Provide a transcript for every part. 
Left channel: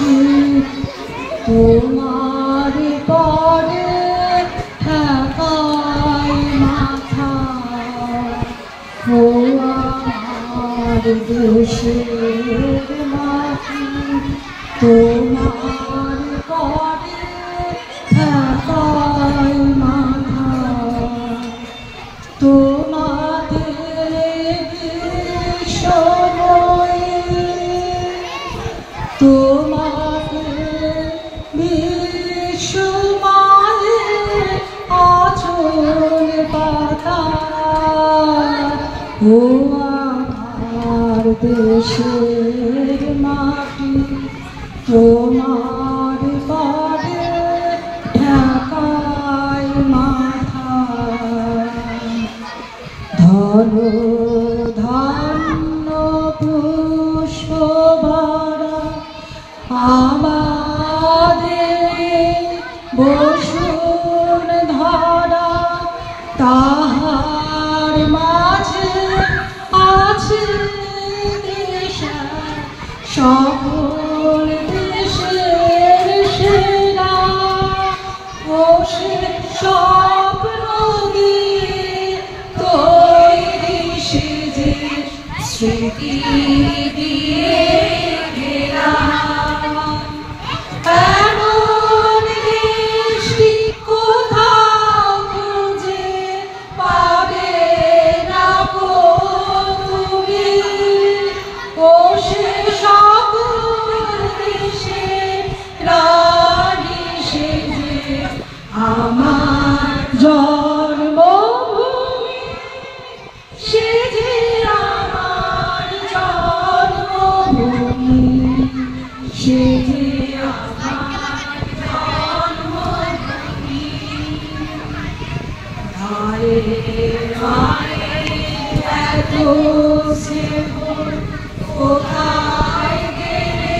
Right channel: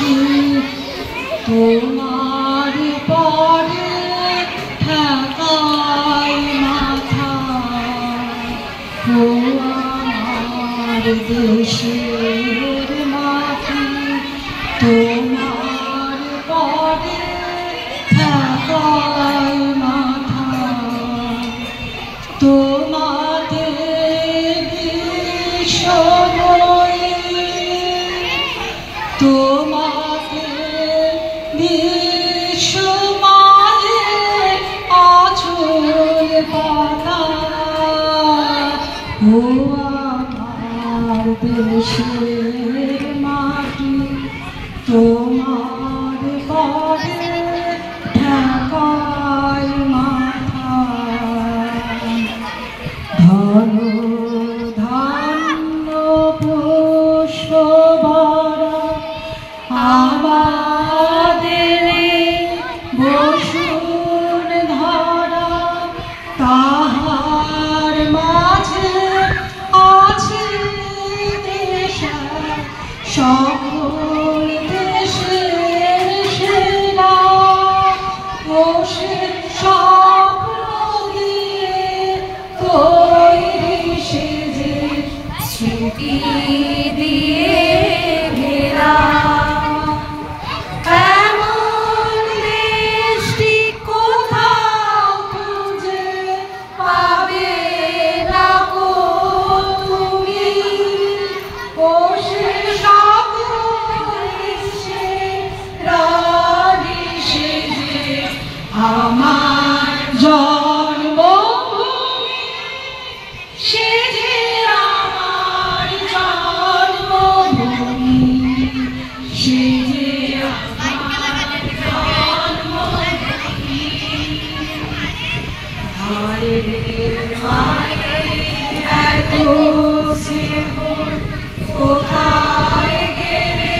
মাটি তোমার পরে ঠেকায় মাথা ও আমার দেশের মাটি তোমার পরে ঠেকায় মাথা তোমাদের সময়ে তোমাদের বিশ্বমালে আঁচল পাতা ও আমার দেশের মাটি তোমার পরে ঢাকায় মাথা ধন ধান্য পুষ্প ভরা আমাদের বসুন ধরা তাহার মাঝে আছে সকল দেশের সেরা বসে স্বপ্ন দিয়ে তৈরি সেজে স্মৃতি দিয়ে ঘেরা এমন দেশটি কোথাও খুঁজে পাবে না গো তুমি বসে আমার জন্মভূমি সে যে আমার জন্মভূমি সে যে আমার জন্মভূমি হায় হায় এত স্নেহ কোথায় গেলে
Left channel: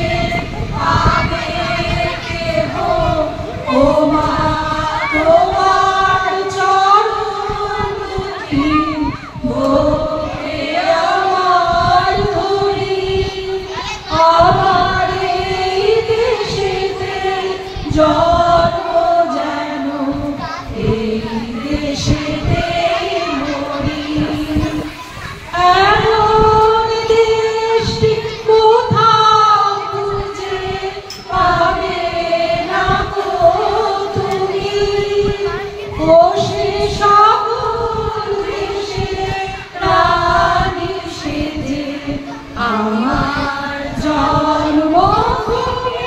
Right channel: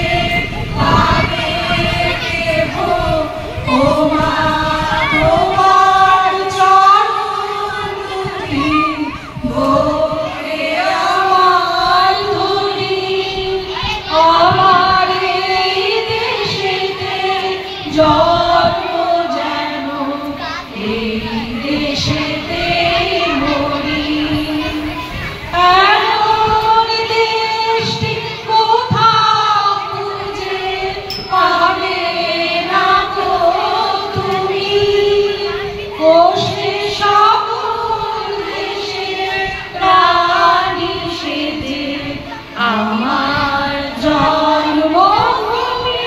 পাবে কেহ ও মা তোমার চরণ দুটি ভোরে আমার ধরি আমার এই দেশেতে জন্ম যেন এই দেশেতে মরি এমন দেশটি কোথাও খুঁজে পাবে না গো তুমি বসে সকল দেশের রানী সেজে আমার জন্মভূমি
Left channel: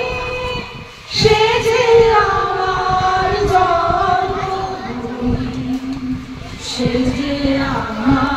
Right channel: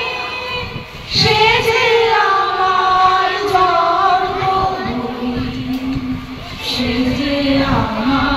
সে যে আমার জন্মভূমি সে যে আমার